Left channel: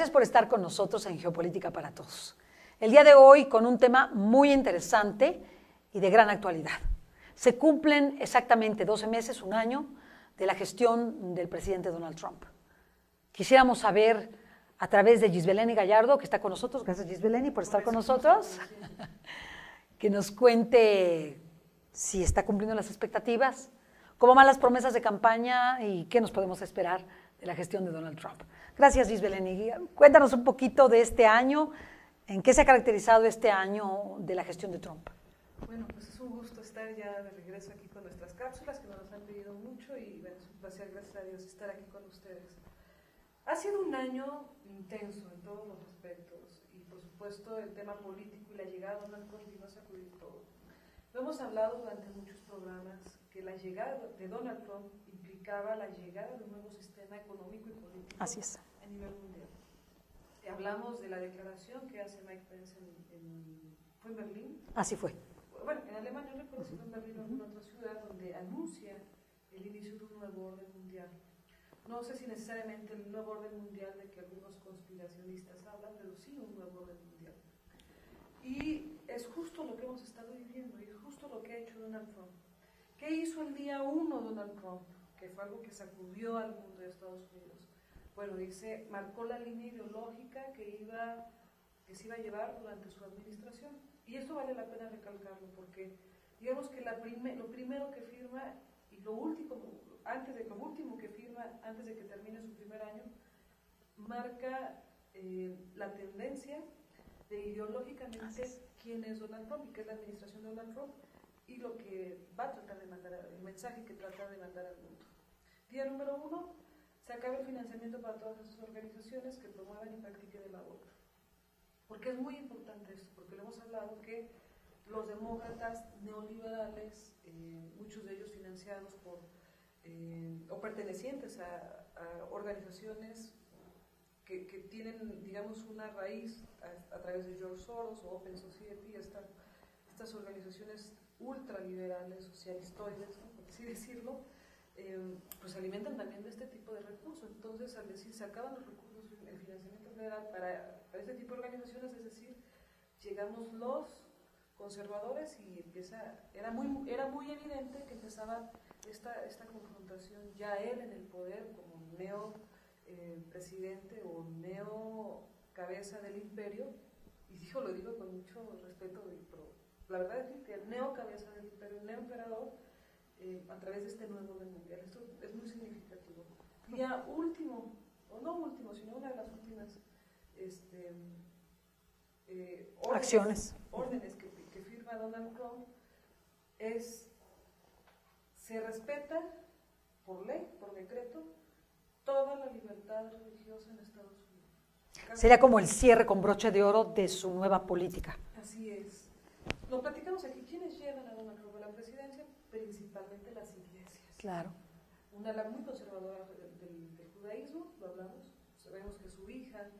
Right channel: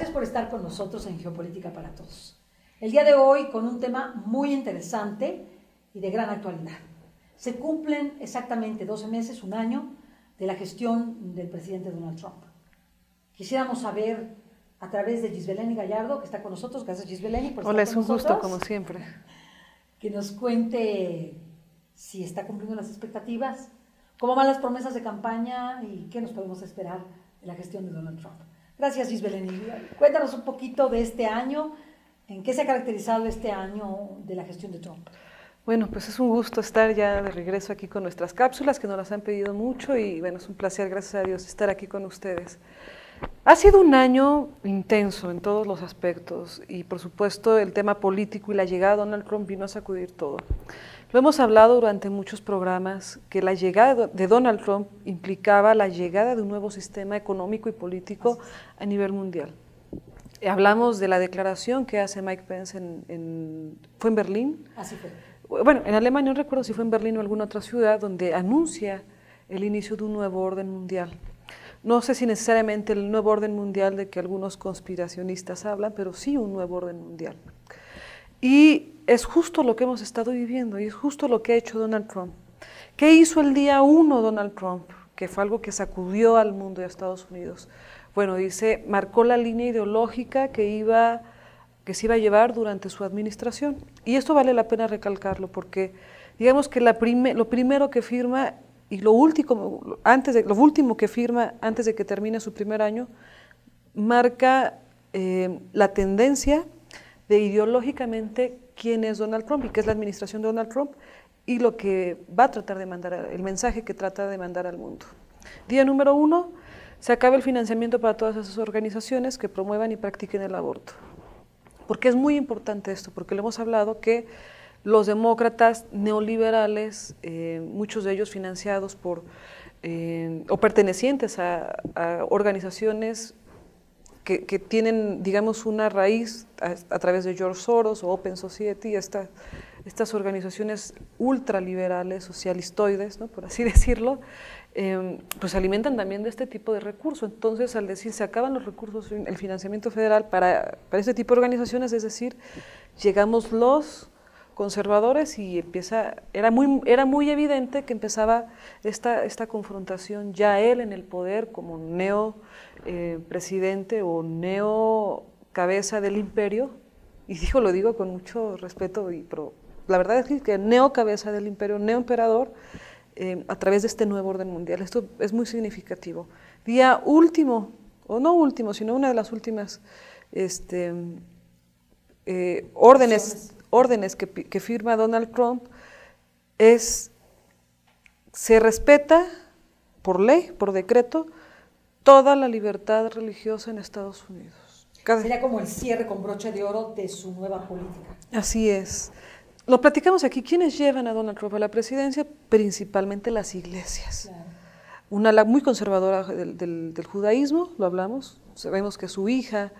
Gracias por estar con nosotros en Geopolítica para Todos. El día de hoy con un tema muy interesante y de gran actualidad. Se cumplen exactamente 12 meses, un año, de la gestión del presidente Donald Trump. Quisiéramos saber a través de Gisbeleni Gallardo, que está con nosotros. Gracias, Gisbeleni, por estar con nosotros. Hola, es un gusto, como siempre. Que nos cuente si está cumpliendo las expectativas, cómo van las promesas de campaña y qué nos podemos esperar de la gestión de Donald Trump. Gracias, Gisbeleni. Cuéntanos un poquito de este año, en qué se ha caracterizado este año de la gestión de Trump. Bueno, pues es un gusto estar ya de regreso aquí con nuestras cápsulas, que nos las han pedido mucho y bueno, es un placer, gracias a Dios, estar aquí con ustedes. Ha sido un año intenso en todos los aspectos y por supuesto el tema político y la llegada de Donald Trump vino a sacudir todo. Lo hemos hablado durante muchos programas, que la llegada de Donald Trump implicaba la llegada de un nuevo sistema económico y político a nivel mundial. Hablamos de la declaración que hace Mike Pence ¿fue en Berlín? Así fue. Bueno, en Alemania no recuerdo si fue en Berlín o alguna otra ciudad, donde anuncia el inicio de un nuevo orden mundial. No sé si necesariamente el nuevo orden mundial de que algunos conspiracionistas hablan, pero sí un nuevo orden mundial. Y es justo lo que hemos estado viviendo y es justo lo que ha hecho Donald Trump. ¿Qué hizo el día 1 Donald Trump? Que fue algo que sacudió al mundo y a Estados Unidos. Bueno, dice, marcó la línea ideológica que se iba a llevar durante su administración. Y esto vale la pena recalcarlo porque digamos que lo primero que firma y lo último que firma antes de que termine su primer año marca la tendencia de ideológicamente quién es Donald Trump y qué es la administración de Donald Trump y lo que va a tratar de mandar, el mensaje que trata de mandar al mundo. Día número 1, se acaba el financiamiento para todas esas organizaciones que promuevan y practiquen el aborto. ¿Por qué es muy importante esto? Porque lo hemos hablado que los demócratas neoliberales, muchos de ellos financiados por o pertenecientes a organizaciones que tienen, digamos, una raíz a través de George Soros o Open Society, estas organizaciones ultraliberales, socialistoides, ¿no?, por así decirlo, pues alimentan también de este tipo de recursos. Entonces, al decir se acaban los recursos, el financiamiento federal para este tipo de organizaciones, es decir, llegamos los conservadores y era muy evidente que empezaba esta confrontación, ya él en el poder como presidente o cabeza del imperio, y lo digo con mucho respeto, pero la verdad es que cabeza del imperio, emperador, a través de este nuevo orden mundial. Esto es muy significativo. Día último, o no último, sino una de las últimas órdenes que firma Donald Trump se respeta por ley, por decreto, toda la libertad religiosa en Estados Unidos. Sería como el cierre con broche de oro de su nueva política. Así es. Lo platicamos aquí. ¿Quiénes llevan a Donald Trump a la presidencia? Principalmente las iglesias. Claro. Una muy conservadora del judaísmo, lo hablamos. Sabemos que su hija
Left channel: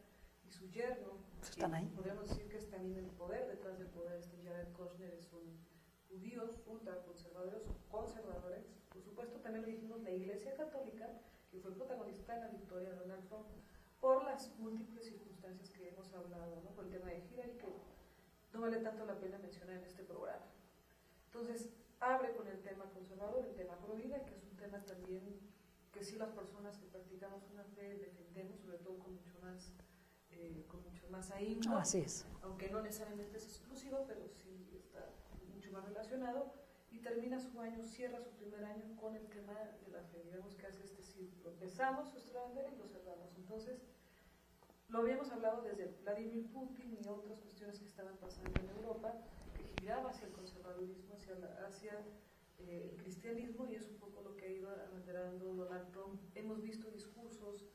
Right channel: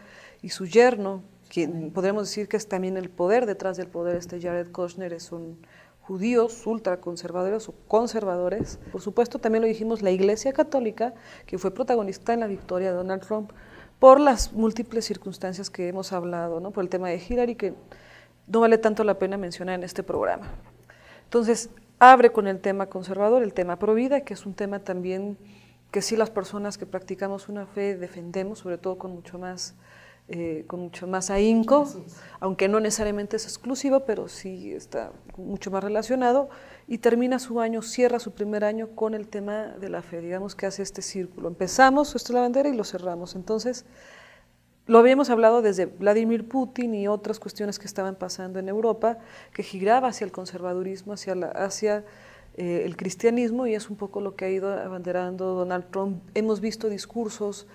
y su yerno, quien podríamos decir que es también el poder detrás del poder, Jared Kushner, son judíos ultraconservadores o conservadores. Por supuesto, también lo dijimos, la Iglesia Católica, que fue protagonista en la victoria de Donald Trump por las múltiples circunstancias que hemos hablado, ¿no?, por el tema de Hillary, que no vale tanto la pena mencionar en este programa. Entonces, abre con el tema conservador, el tema pro vida, que es un tema también que sí las personas que practicamos una fe defendemos, sobre todo con mucho más ahínco, aunque no necesariamente es exclusivo, pero sí está mucho más relacionado, y termina su año, cierra su primer año con el tema de la fe, digamos que hace este círculo. Empezamos, esto es la bandera, y lo cerramos. Entonces, lo habíamos hablado desde Vladimir Putin y otras cuestiones que estaban pasando en Europa, que giraba hacia el conservadurismo, hacia el cristianismo, y es un poco lo que ha ido abanderando Donald Trump. Hemos visto discursos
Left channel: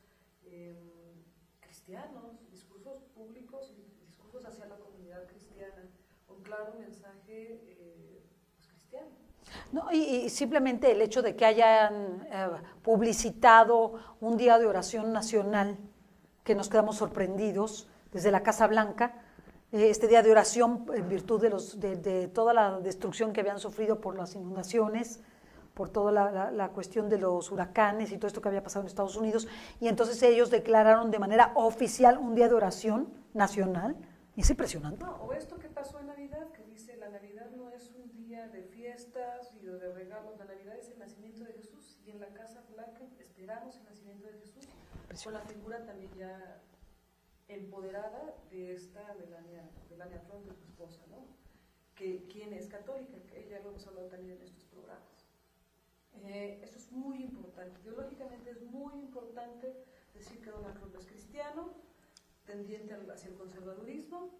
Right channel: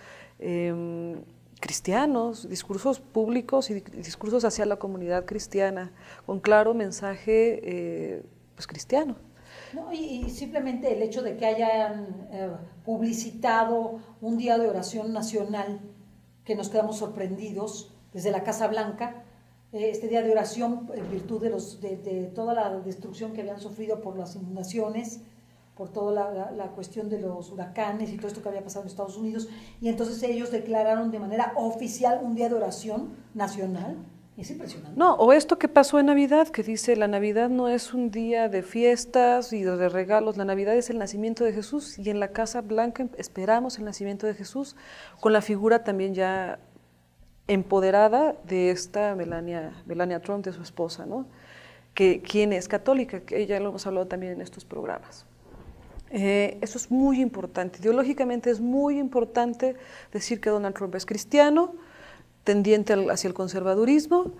cristianos, discursos públicos y discursos hacia la comunidad cristiana, con claro mensaje cristiano. No, y simplemente el hecho de que hayan publicitado un día de oración nacional, que nos quedamos sorprendidos desde la Casa Blanca, este día de oración en virtud de toda la destrucción que habían sufrido por las inundaciones, por toda la cuestión de los huracanes y todo esto que había pasado en Estados Unidos, y entonces ellos declararon de manera oficial un día de oración nacional. Es impresionante. No, o esto que pasó en Navidad, que dice, la Navidad no es un día de fiestas y de regalos, la Navidad es el nacimiento de Jesús, y en la Casa Blanca esperamos el nacimiento de Jesús, con la figura también ya empoderada de esta Melania Trump, de su esposa, ¿no? Quien es católica, que ya lo hemos hablado también en estos programas. Eso es muy importante, ideológicamente es muy importante decir que Donald Trump es cristiano, tendiente hacia el conservadurismo,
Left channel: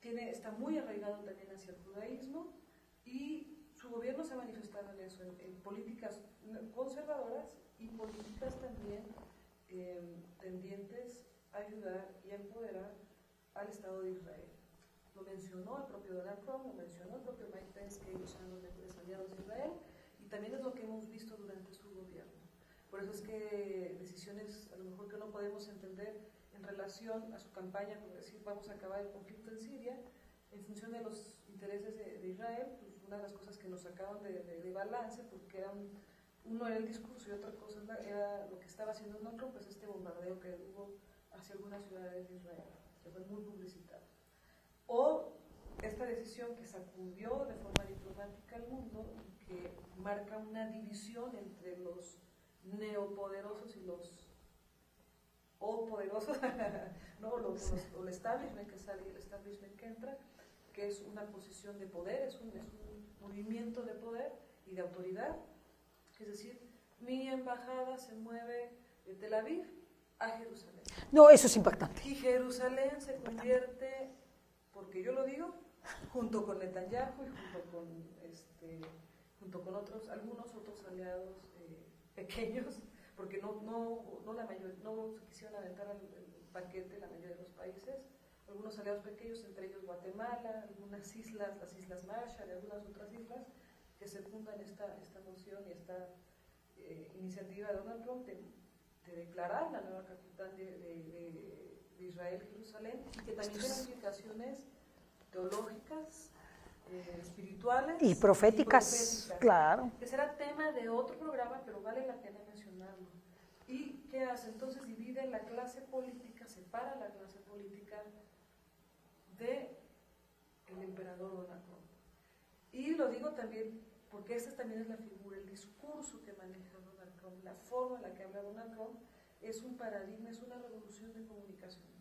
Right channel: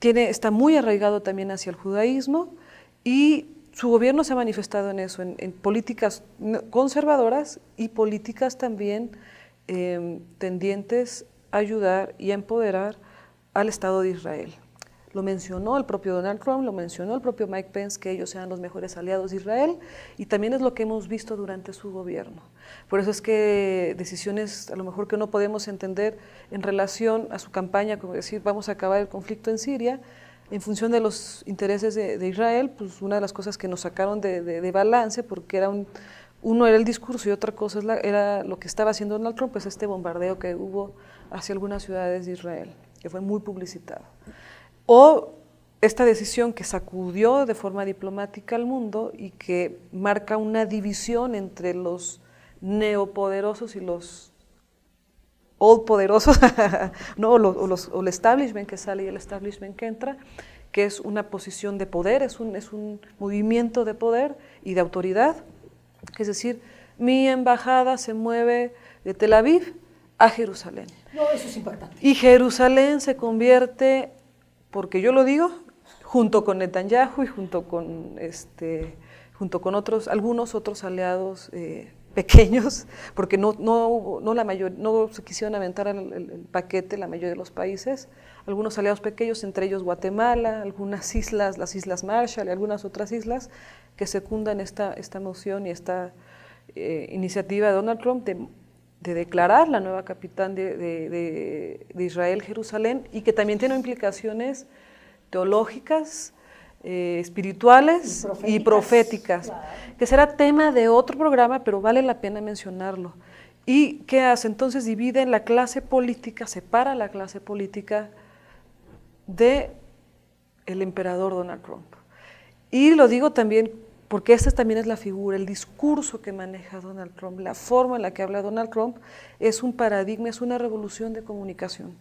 está muy arraigado también hacia el judaísmo, y su gobierno se ha manifestado en eso, en políticas conservadoras y políticas también tendientes a ayudar y a empoderar al Estado de Israel. Lo mencionó el propio Donald Trump, lo mencionó el propio Mike Pence, que ellos sean los mejores aliados de Israel, y también es lo que hemos visto durante su gobierno. Por eso es que decisiones a lo mejor que no podemos entender en relación a su campaña, como decir, vamos a acabar el conflicto en Siria, en función de los intereses de Israel, pues una de las cosas que nos sacaron de balance, porque uno era el discurso y otra cosa era lo que estaba haciendo Donald Trump, pues este bombardeo que hubo hacia algunas ciudades de Israel, que fue muy publicitado. O esta decisión que sacudió de forma diplomática al mundo y que marca una división entre los neopoderosos y los old poderosos, ¿no? o el establishment que sale y el establishment que entra, que es una posición de poder, es un movimiento de poder y de autoridad. Es decir, mi embajada se mueve de Tel Aviv a Jerusalén. No, eso es impactante. Y Jerusalén se convierte, porque yo lo digo, junto con Netanyahu y junto con algunos otros aliados pequeños, porque no se quisieron aventar el paquete la mayoría de los países, algunos aliados pequeños, entre ellos Guatemala, algunas islas, las Islas Marshall y algunas otras islas, que secundan esta moción y esta iniciativa de Donald Trump de declarar la nueva capital de Israel, Jerusalén, y que también tiene implicaciones teológicas, espirituales y proféticas, claro, que será tema de otro programa, pero vale la pena mencionarlo. ¿Y qué hace? Entonces divide la clase política, separa la clase política del emperador Donald Trump. Y lo digo también porque esta también es la figura, el discurso que maneja Donald Trump, la forma en la que habla Donald Trump es un paradigma, es una revolución de comunicación.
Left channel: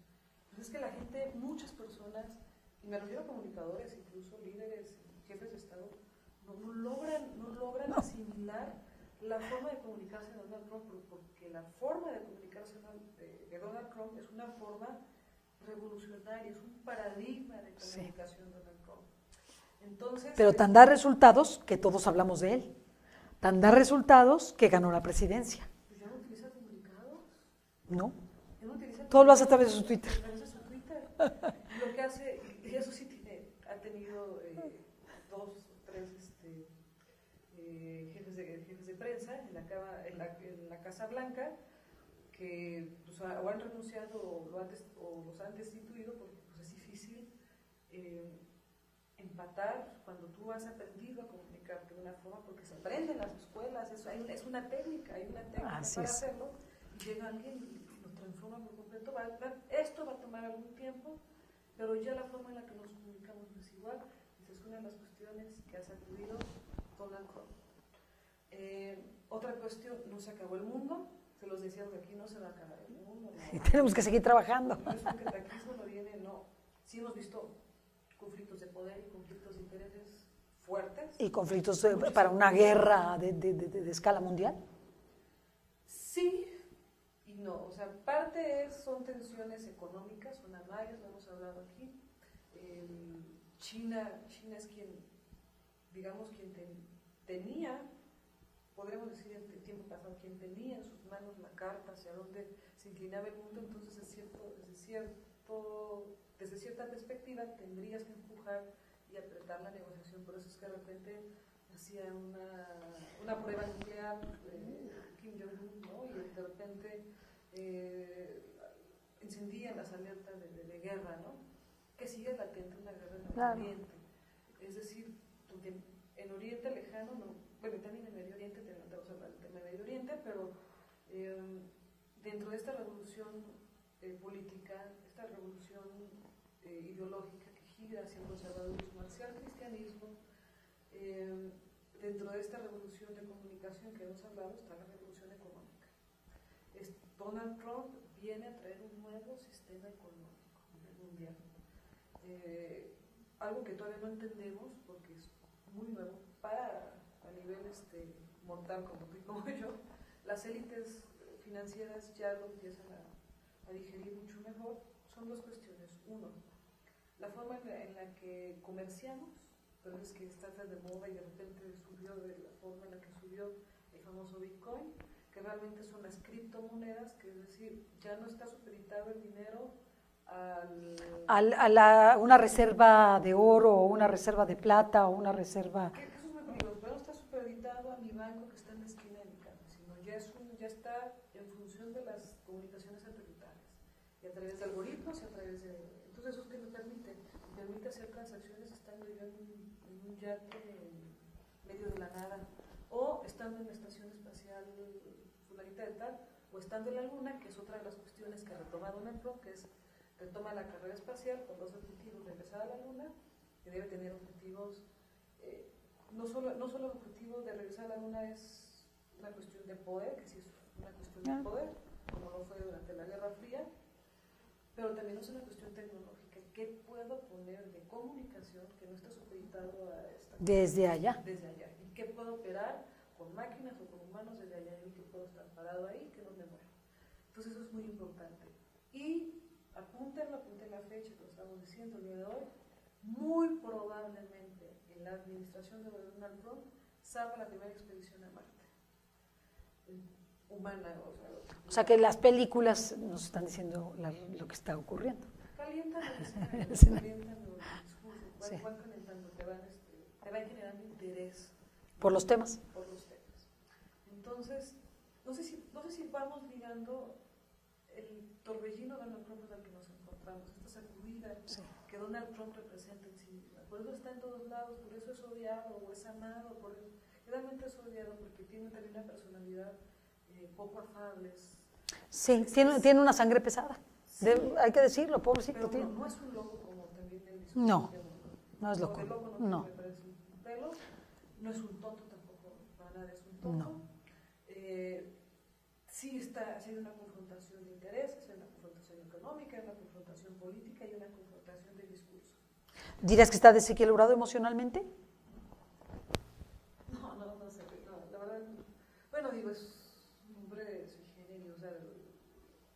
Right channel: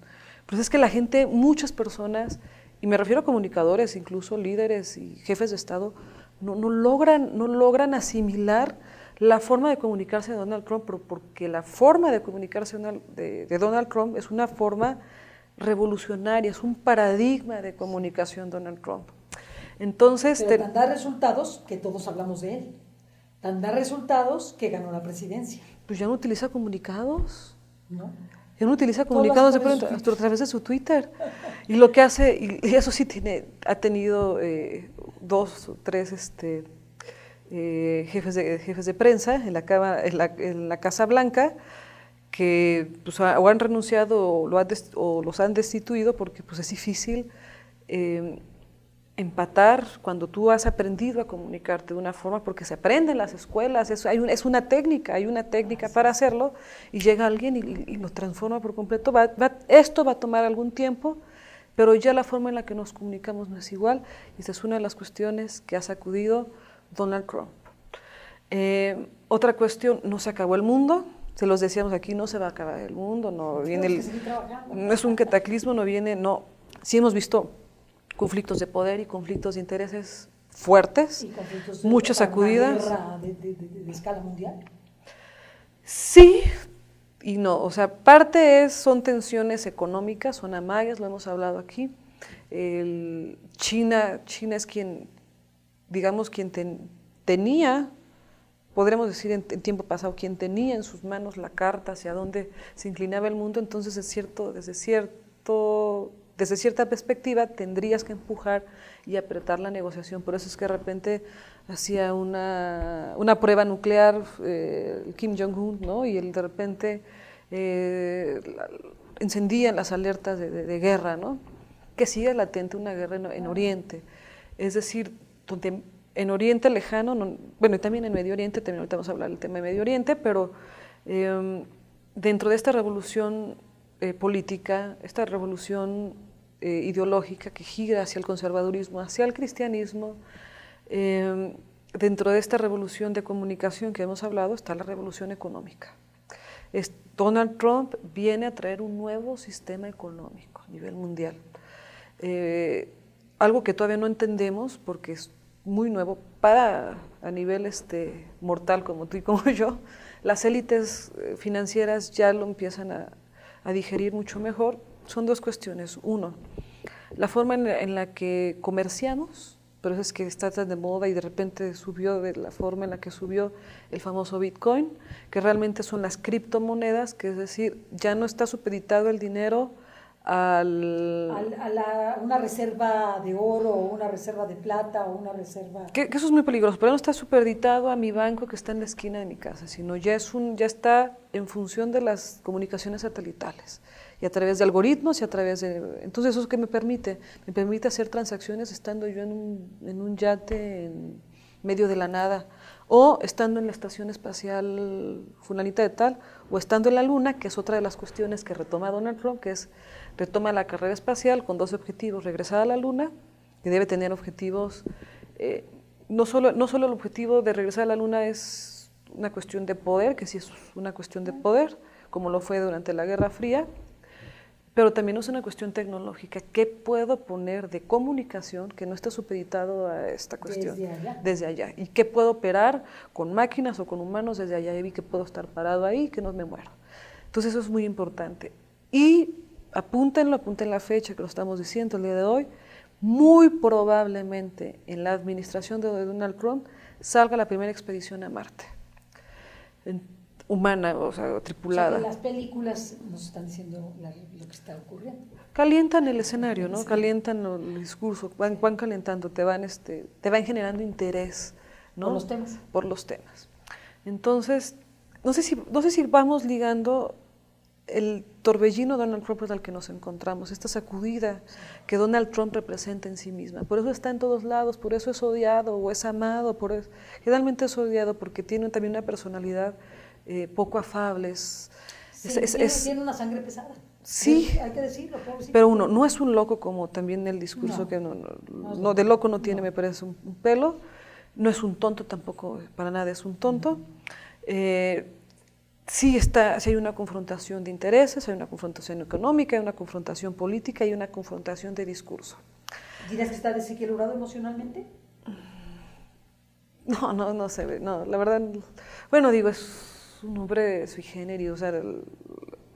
Pues es que la gente, muchas personas, y me refiero a comunicadores, incluso líderes y jefes de Estado, no logran asimilar la forma de comunicarse de Donald Trump, porque la forma de comunicarse de Donald Trump es una forma revolucionaria, es un paradigma de comunicación Donald Trump. Entonces, pero tan da resultados que todos hablamos de él, tan da resultados que ganó la presidencia. Pues ya no utiliza comunicados. No. Ya no utiliza comunicados a través de su Twitter. Y lo que hace, y eso sí ha tenido 2 o 3 jefes de prensa en la Casa Blanca, que pues, o han renunciado o los han destituido, porque pues, es difícil empatar cuando tú has aprendido a comunicarte de una forma, porque se aprende en las escuelas, es una técnica, hay una técnica para hacerlo, y llega alguien y lo transforma por completo. Esto va a tomar algún tiempo, pero ya la forma en la que nos comunicamos no es igual, y esa es una de las cuestiones que ha sacudido Donald Trump. Otra cuestión, no se acabó el mundo, se los decíamos aquí, no se va a acabar el mundo, tenemos que seguir trabajando. No es un cataclismo, sí hemos visto conflictos de poder y conflictos de intereses fuertes, y conflictos muchas sacudidas. ¿Una guerra de escala mundial? Sí y no, o sea, parte son tensiones económicas, son amagues, lo hemos hablado aquí. China es quien, digamos, tenía, podremos decir en tiempo pasado, quien tenía en sus manos la carta hacia dónde se inclinaba el mundo. Entonces desde cierta perspectiva tendrías que empujar y apretar la negociación. Por eso es que de repente hacía una prueba nuclear Kim Jong-un, ¿no? Y él de repente encendían las alertas de guerra, ¿no? Que sigue latente una guerra en Oriente. Es decir, donde en Oriente Lejano, bueno, y también en Medio Oriente, también ahorita vamos a hablar del tema de Medio Oriente, pero dentro de esta revolución política, esta revolución ideológica que gira hacia el conservadurismo, hacia el cristianismo, dentro de esta revolución de comunicación que hemos hablado está la revolución económica. Donald Trump viene a traer un nuevo sistema económico a nivel mundial. Algo que todavía no entendemos porque es muy nuevo a nivel mortal como tú y como yo. Las élites financieras ya lo empiezan a digerir mucho mejor. Son dos cuestiones. Uno, la forma en la que comerciamos, por eso es que está tan de moda y de repente subió de la forma en la que subió el famoso Bitcoin, que realmente son las criptomonedas, que es decir, ya no está supeditado el dinero a una reserva de oro, o una reserva de plata, o una reserva... Que eso es muy peligroso, pero no está supeditado a mi banco que está en la esquina de mi casa, sino ya está en función de las comunicaciones satelitales y a través de algoritmos y a través de... Entonces, ¿eso qué me permite? Me permite hacer transacciones estando yo en un yate en medio de la nada, o estando en la estación espacial fulanita de tal, o estando en la luna, que es otra de las cuestiones que retoma Donald Trump, que es retoma la carrera espacial con dos objetivos: regresar a la luna, que debe tener objetivos, no solo el objetivo de regresar a la luna es una cuestión de poder, que sí es una cuestión de poder, como lo fue durante la Guerra Fría, pero también es una cuestión tecnológica. ¿Qué puedo poner de comunicación que no esté supeditado a esta cuestión? Desde allá. Desde allá. ¿Y qué puedo operar con máquinas o con humanos desde allá? Y vi que puedo estar parado ahí, que no me muero. Entonces eso es muy importante. Y apunten la fecha que lo estamos diciendo el día de hoy, muy probablemente en la administración de Donald Trump salga la primera expedición a Marte. Humana, o sea, tripulada. O sea que las películas nos están diciendo lo que está ocurriendo. Calientan el escenario, ¿no? Sí. Calientan el discurso, van calentando, te van generando interés, ¿no? Por los temas. Por los temas. Entonces, no sé si vamos ligando el torbellino Donald Trump al que nos encontramos, esta sacudida que Donald Trump representa en sí misma. Por eso está en todos lados, por eso es odiado o es amado, generalmente es odiado porque tiene también una personalidad poco afables. Sí, tiene una sangre pesada. Sí, hay que decirlo, pobrecito. Pero uno no es un loco como también el discurso no, que no de loco no tiene, me parece un pelo. No es un tonto tampoco, para nada es un tonto. No. Sí hay una confrontación de intereses, hay una confrontación económica, hay una confrontación política y una confrontación de discurso. ¿Dirías que está desequilibrado emocionalmente? No se ve, no, la verdad, bueno, digo, es un hombre sui generis, o sea,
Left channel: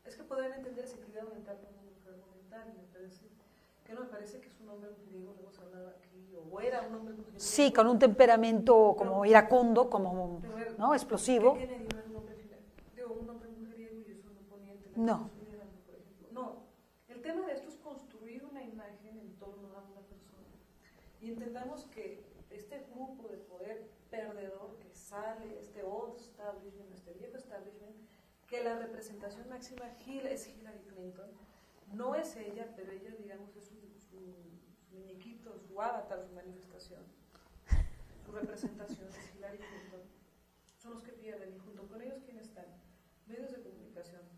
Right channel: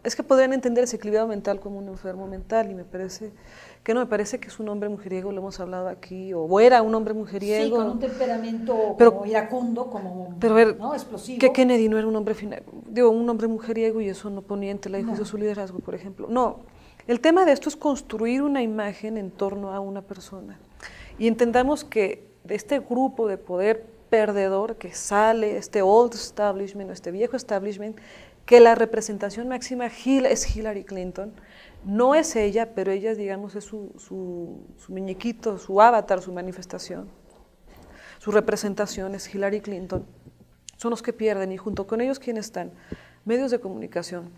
es que podrían entender ese equilibrio mental como un enfermo mental, y me parece que es un hombre mujeriego, lo hemos hablado aquí, o era un hombre mujeriego. Sí, con un temperamento como iracundo, como pero a ver, ¿no? Explosivo. Que Kennedy no era un hombre un hombre mujeriego, y eso no ponía en tela de juicio su liderazgo, por ejemplo. No, el tema de esto es construir una imagen en torno a una persona, y entendamos que de este grupo de poder perdedor que sale, este old establishment, este viejo establishment, que la representación máxima es Hillary Clinton. No es ella, pero ella, digamos, es su muñequito, su avatar, su manifestación. Su representación es Hillary Clinton. Son los que pierden, y junto con ellos, ¿quiénes están? Medios de comunicación,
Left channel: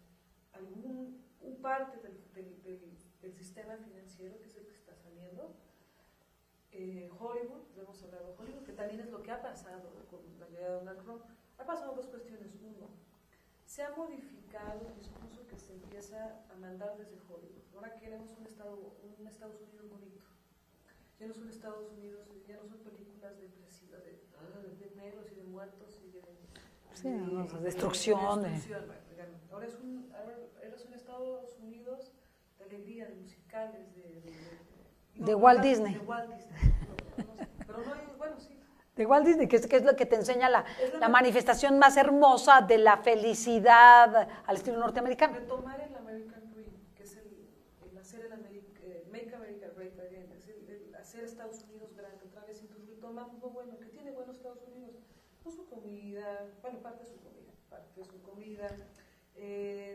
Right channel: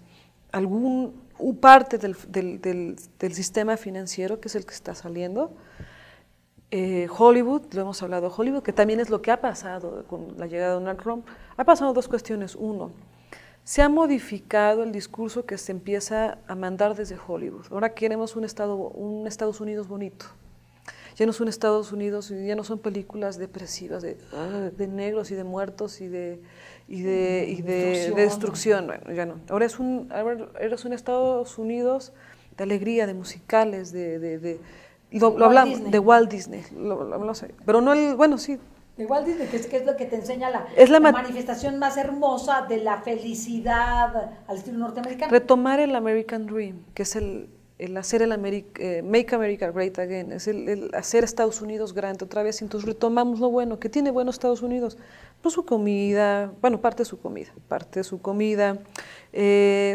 parte del sistema financiero, que es el que está saliendo, Hollywood, lo hemos hablado, Hollywood, que también es lo que ha pasado con la llegada de Donald Trump. Ha pasado dos cuestiones. Uno, se ha modificado el discurso que se empieza a mandar desde Hollywood. Ahora queremos un Estados Unidos bonito. Ya no es un Estados Unidos, ya no son películas depresivas de negros y de muertos y de destrucción. Bueno, ya no. Ahora es un Estados Unidos de alegría, de musicales, de Walt Disney. No sé, pero no sí. De Walt Disney, que es lo que te enseña la manifestación más hermosa de la felicidad al estilo norteamericano. Retomar el American Dream, que es el hacer Make America Great Again, es el hacer Estados Unidos grande otra vez. Entonces retomamos lo bueno, que tiene bueno Estados Unidos, pues su comida, bueno, parte de su comida,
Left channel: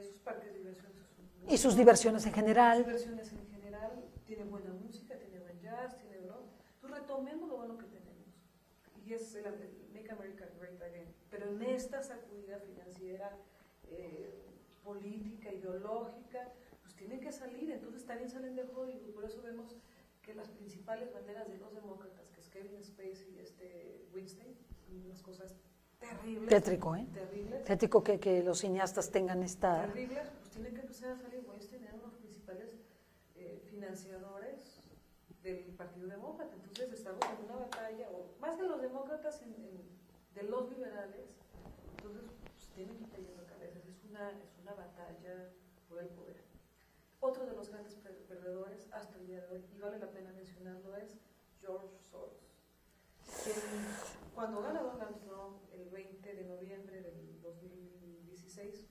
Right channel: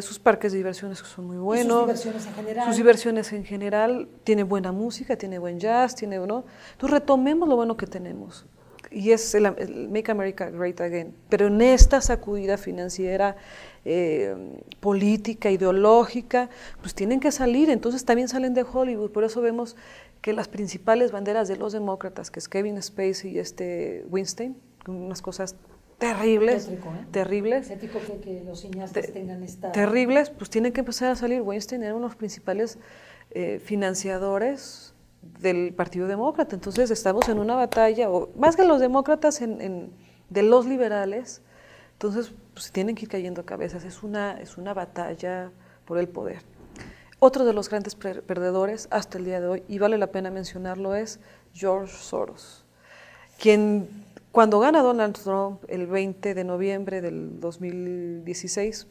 sus parques de diversiones que son muy buenos. Y sus diversiones en general. Sus diversiones en general, tiene buena música, tiene buen jazz, ¿no? Entonces retomemos lo bueno que tenemos. y es el Make America Great Again, pero en esta sacudida financiera, política, ideológica, pues tienen que salir, entonces también salen de Hollywood, por eso vemos que las principales banderas de los demócratas, que es Kevin Spacey y Weinstein, unas cosas terribles, Tétrico, terribles. Tétrico que los cineastas tengan esta... Terribles, pues tienen que empezar a salir. Weinstein era uno de los principales financiadores del Partido Demócrata, entonces estamos en una batalla, o más que los demócratas, de los liberales, entonces pues, tienen que ir cayendo cabezas, es una batalla por el poder. Otro de los grandes perdedores hasta el día de hoy, y vale la pena mencionarlo, es George Soros, quien cuando gana Donald Trump el 20 de noviembre del 2016,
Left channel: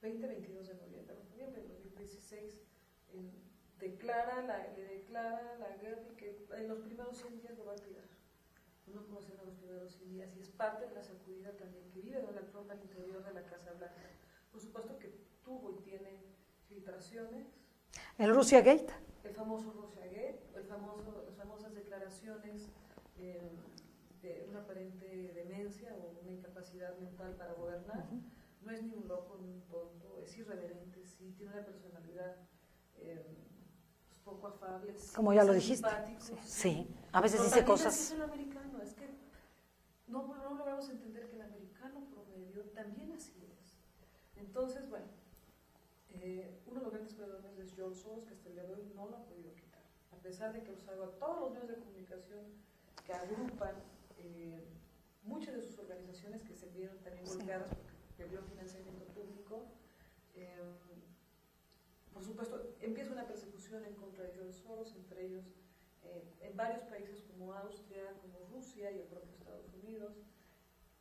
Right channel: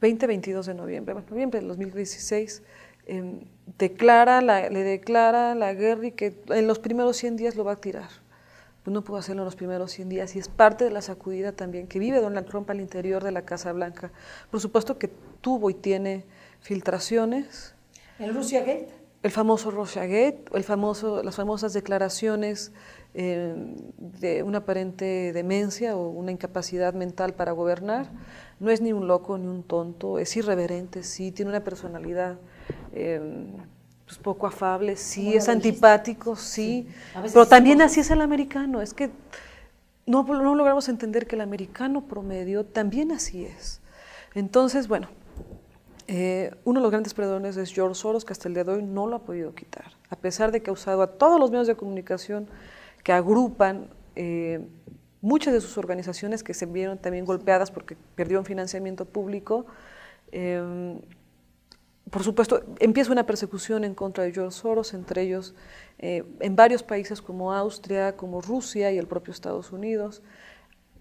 22 de noviembre, noviembre del 2016, le declara la guerra y que en los primeros 100 días lo va a tirar. Pues no pudo hacerlo en los primeros 100 días y es parte de la sacudida también que vive Donald Trump al interior de la Casa Blanca. Por supuesto que tuvo y tiene filtraciones. ¿El Russiagate? El famoso Russiagate, las famosas declaraciones de una aparente demencia o una incapacidad mental para gobernar. No es ni un loco ni un tonto, es irreverente, sí, tiene una personalidad pues poco afable, sí, es antipático, sí, pero también así es el americano, es que no logramos entender que el americano promedio también así es. Entonces, bueno, uno de los grandes perdedores es George Soros, que hasta el día de hoy no lo ha podido quitar, a pesar de que ha usado a todos los medios de comunicación que agrupan muchas de sus organizaciones que se vieron también golpeadas porque perdieron financiamiento público. Por supuesto, empieza una persecución en contra de George Soros, entre ellos en varios países como Austria, como Rusia y el propio Estados Unidos.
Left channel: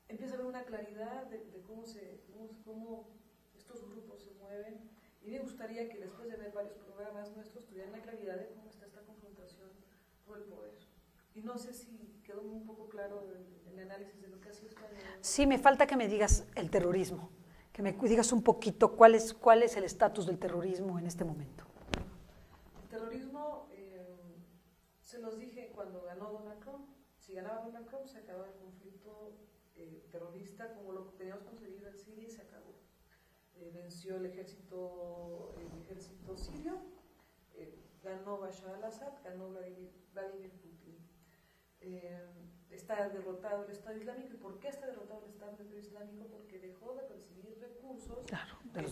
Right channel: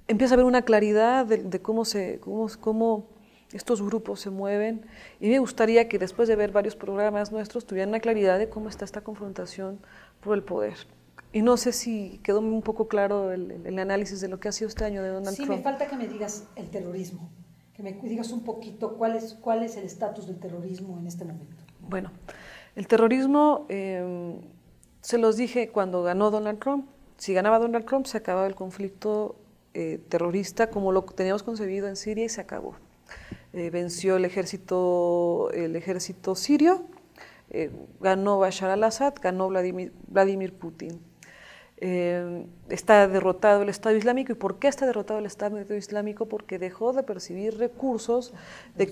Empieza a haber una claridad de cómo estos grupos se mueven y me gustaría que después de ver varios programas nuestros tuvieran una claridad de cómo está esta confrontación por el poder. Y no sé si quedó un poco claro el análisis de lo que ha sido este año de Donald Trump. Sí, me falta que me digas el terrorismo, que me digas un poquito cuál es el estatus del terrorismo en este momento. Bueno, el terrorismo, se los dije cuando ganó Donald Trump, si ganaba Donald Trump se acababa el conflicto terrorista como lo teníamos concebido en Siria y se acabó. Venció el ejército sirio, ganó Bashar al-Assad, ganó Vladimir Putin. Está derrotado el Estado Islámico. ¿Y por qué está derrotado el Estado Islámico? Porque dejó de percibir recursos de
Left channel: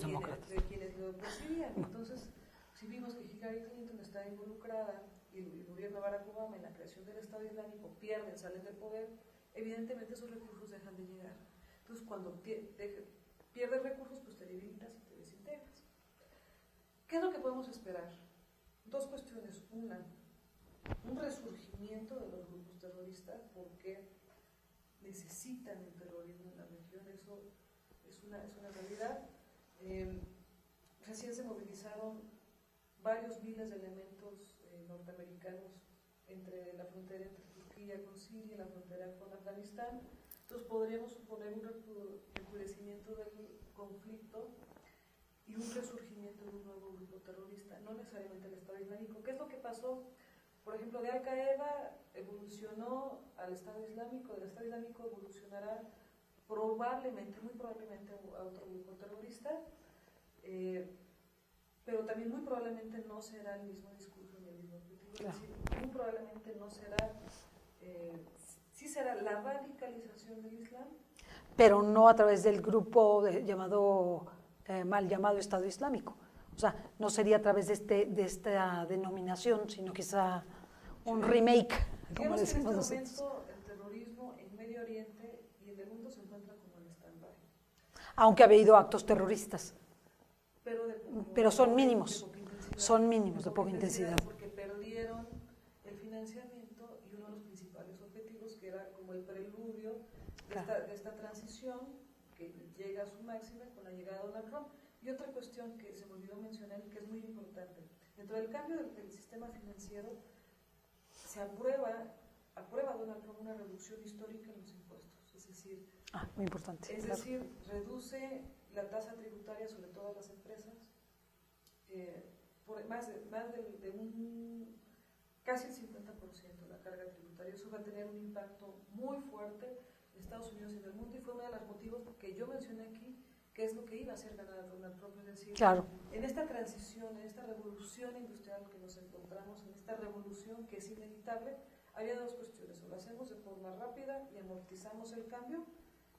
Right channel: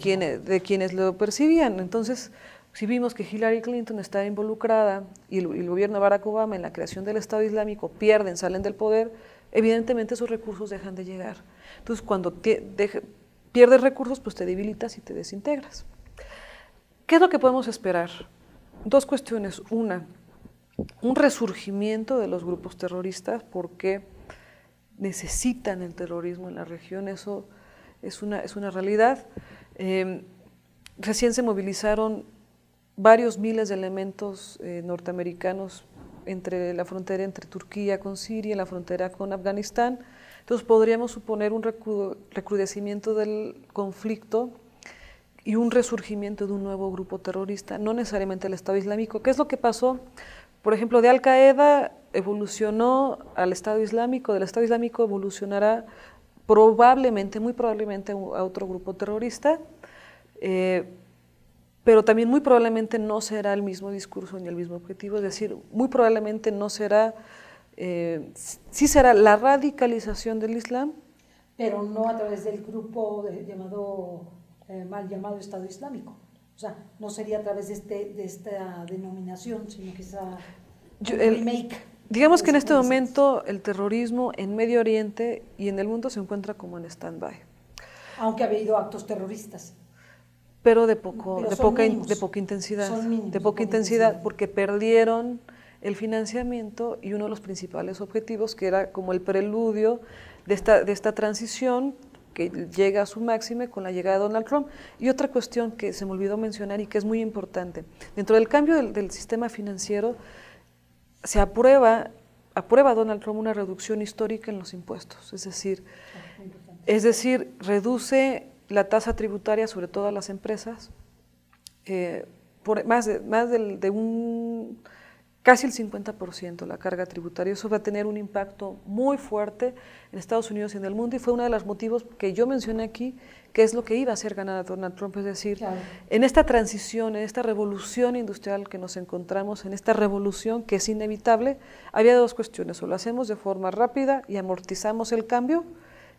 quienes lo percibían. Entonces, si vimos que Hillary Clinton está involucrada y el gobierno de Barack Obama en la creación del Estado Islámico, salen del poder, evidentemente esos recursos dejan de llegar. Entonces, cuando pierdes recursos, pues te debilitas y te desintegras. ¿Qué es lo que podemos esperar? Dos cuestiones. Una, un resurgimiento de los grupos terroristas porque necesitan el terrorismo en la región, eso es una realidad. Recién se movilizaron varios miles de elementos norteamericanos entre la frontera entre Turquía con Siria y la frontera con Afganistán. Entonces podríamos suponer un recrudecimiento del conflicto y un resurgimiento de un nuevo grupo terrorista, no necesariamente el Estado Islámico. ¿Qué es lo que pasó? Por ejemplo, de Al-Qaeda evolucionó al Estado Islámico, del Estado Islámico evolucionará probablemente, muy probablemente a otro grupo terrorista, pero también muy probablemente no será el mismo discurso ni el mismo objetivo, es decir, muy probablemente no será, sí será la radicalización del Islam. Pero no a través del grupo mal llamado Estado Islámico. O sea, no sería a través de esta denominación, sino quizá un remake. Digamos que en este momento el terrorismo en Medio Oriente y en el mundo se encuentra como en stand-by. Aunque ha habido actos terroristas. Pero de poca intensidad. Son mínimos, de poca intensidad porque perdieron el financiamiento y uno de los principales objetivos, que era como el preludio de esta transición que llega a su máxima con la llegada de Donald Trump. Y otra cuestión que se me olvidó mencionar y que es muy importante, dentro del cambio del sistema financiero se aprueba Donald Trump una reducción histórica en los impuestos, es decir, reduce la tasa tributaria sobre todas las empresas por más de un casi el 50% la carga tributaria. Eso va a tener un impacto muy fuerte en Estados Unidos y en el mundo, y fue uno de los motivos que yo mencioné aquí, que es lo que iba a hacer ganar a Donald Trump. Es decir, claro, en esta transición, en esta revolución industrial que nos encontramos, en esta revolución que es inevitable, había dos cuestiones: o lo hacemos de forma rápida y amortizamos el cambio,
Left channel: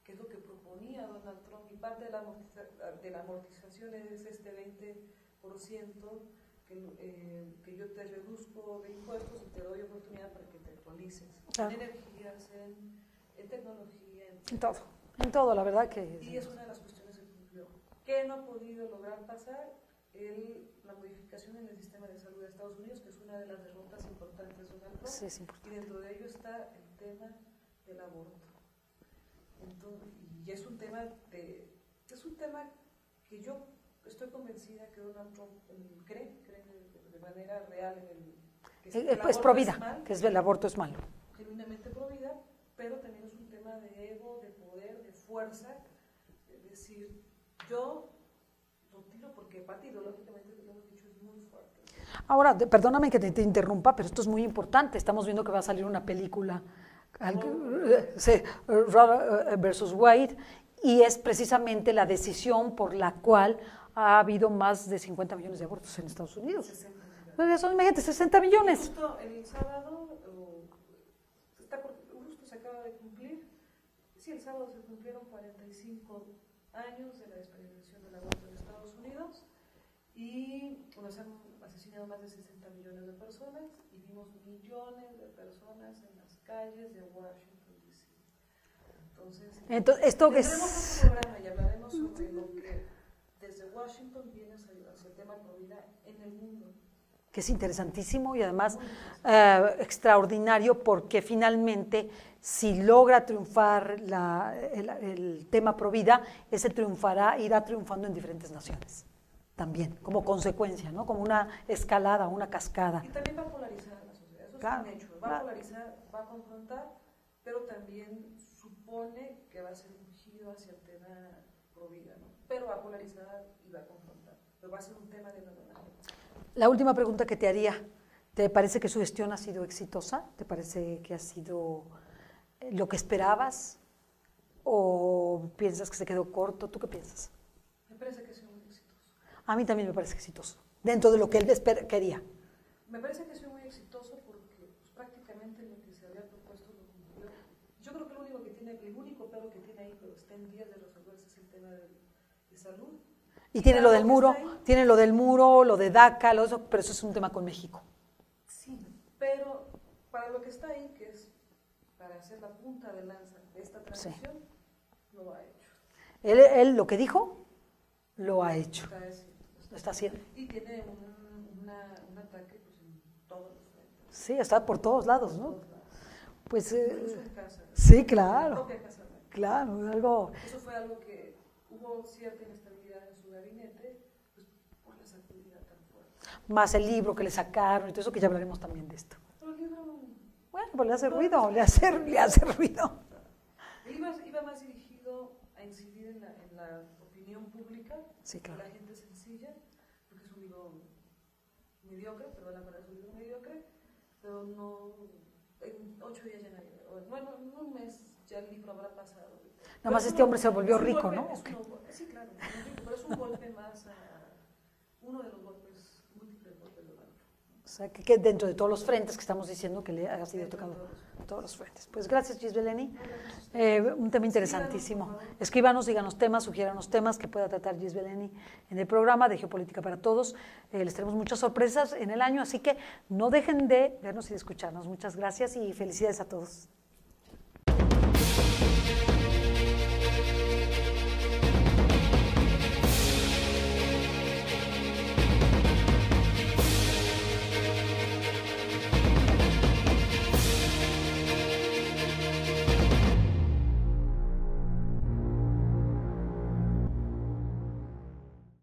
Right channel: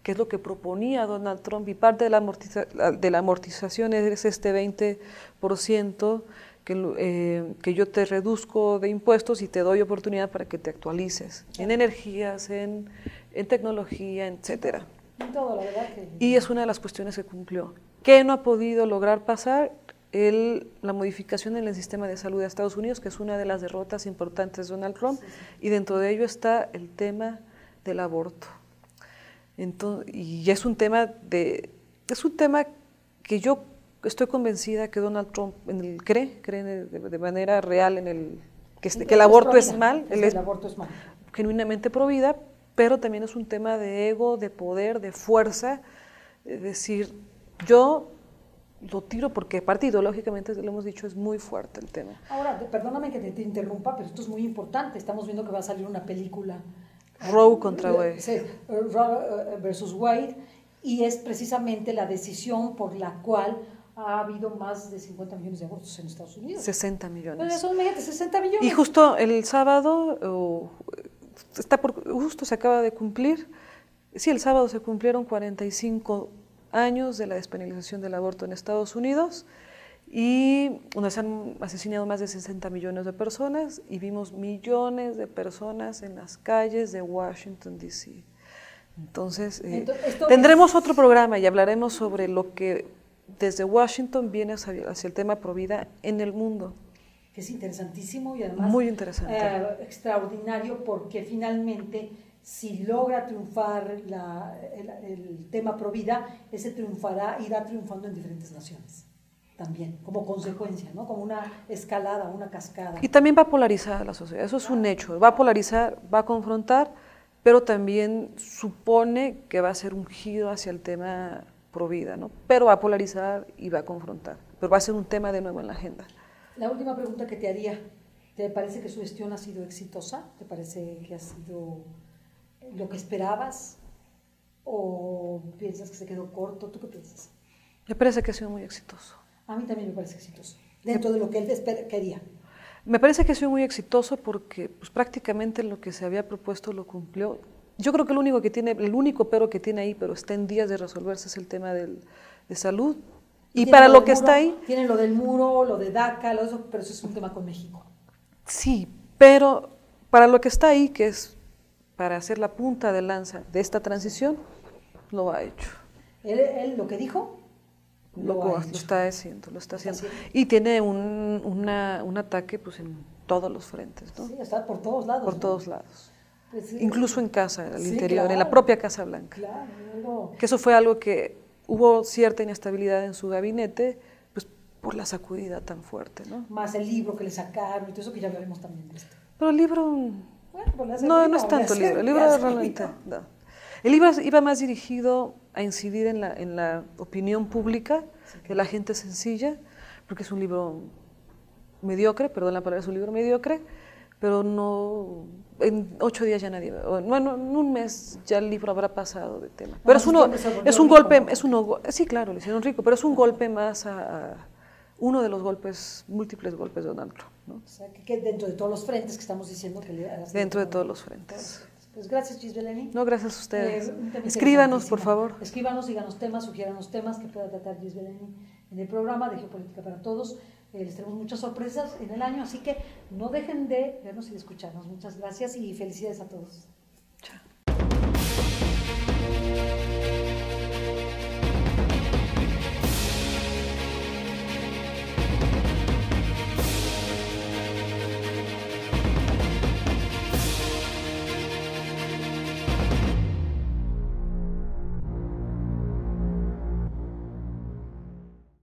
que es lo que proponía Donald Trump, y parte de la amortización es este 20%, que yo te reduzco de impuestos y te doy oportunidad para que te actualices en energías, en tecnología, etcétera. En todo, la verdad que... Y es una de las cuestiones que cumplió. ¿Qué no ha podido lograr pasar? La modificación en el sistema de salud de Estados Unidos, que es una de las derrotas importantes de Donald Trump, y dentro de ello está el tema del aborto. Entonces, y es un tema que yo estoy convencida que Donald Trump cree de manera real que el aborto es mal. El aborto es mal. Genuinamente pro vida, pero también es un tema de ego, de poder, de fuerza. Es decir, yo lo tiro porque aparte ideológicamente, lo hemos dicho, es muy fuerte el tema. Ahora, perdóname que te interrumpa, pero esto es muy importante. Estamos viendo que va a salir una película. Roe contra Wade. Sí, Roe versus Wade, y es precisamente la decisión por la cual ha habido más de 50 millones de abortos en Estados Unidos. 60 millones. Pero son, imagínate, 60 millones. Y justo el sábado, justo se acaba de cumplir, sí, el sábado se cumplieron 45 años de la despenalización del aborto en Estados Unidos, y donde se han asesinado más de 60 millones de personas, y vimos millones de personas en las calles de Washington, D.C. Entonces, tendremos otro programa y hablaremos sobre lo que desde Washington viene hacia el tema pro vida en el mundo. Que es interesantísimo y además muy interesante. Extraordinario, porque finalmente si logra triunfar el tema pro vida, ese irá triunfando en diferentes naciones también, como consecuencia, ¿no? Como una escalada, una cascada. Y también va a polarizar a la sociedad, eso es un hecho, va a polarizar, va a confrontar, pero también supone que va a ser un giro hacia el tema pro vida, ¿no? Pero va a polarizar y va a confrontar, pero va a ser un tema de nuevo en la agenda. La última pregunta que te haría, ¿te parece que su gestión ha sido exitosa? ¿Te parece que ha sido lo que esperabas? ¿O piensas que se quedó corto? ¿Tú qué piensas? Me parece que ha sido muy exitoso. A mí también me parece exitoso, dentro de lo que él quería. Me parece que ha sido muy exitoso porque pues, prácticamente lo que se había propuesto lo cumplió. Yo creo que el único pero que tiene ahí, pero está en días de resolverse, es el tema de salud. Y para lo que está ahí... Tienen lo del muro, lo de DACA, pero eso es un tema con México. Sí, pero para lo que está ahí, que es para hacer la punta de lanza de esta transición, lo ha hecho. Él lo que dijo, lo ha hecho. Lo está haciendo. Y tiene un ataque pues, en todos los frentes, ¿no? Sí, está por todos lados. Por todos lados. Pues, incluso en casa, al sí, interior, en la propia Casa Blanca. Claro, algo... Que eso fue algo que hubo cierta inestabilidad en su gabinete, pues por la sacudida tan fuerte, ¿no? Más el libro que le sacaron y todo eso, que ya hablaremos también de esto. Pero el libro... Bueno, pues no es tanto el libro. El libro iba más dirigido a incidir en la opinión pública, de la gente sencilla, porque es un libro mediocre, perdón la palabra, es un libro mediocre, pero no... En 8 días ya nadie, bueno, en un mes ya el libro habrá pasado de tema. Pero es un golpe, ¿no? Sí, claro, le hicieron rico, pero es un golpe más uno de los múltiples golpes de Donald Trump, ¿no? O sea, que dentro de todos los frentes que estamos diciendo que le hagas. Dentro de todos los frentes. Pues gracias, Gisbeleni. No, gracias a ustedes. Un tema escríbanos, por favor. Escríbanos, díganos temas, sugiéranos temas que pueda tratar Gisbeleni en el programa de Geopolítica para Todos. Les tenemos muchas sorpresas en el año, así que no dejen de vernos y de escucharnos. Muchas gracias y felicidades a todos.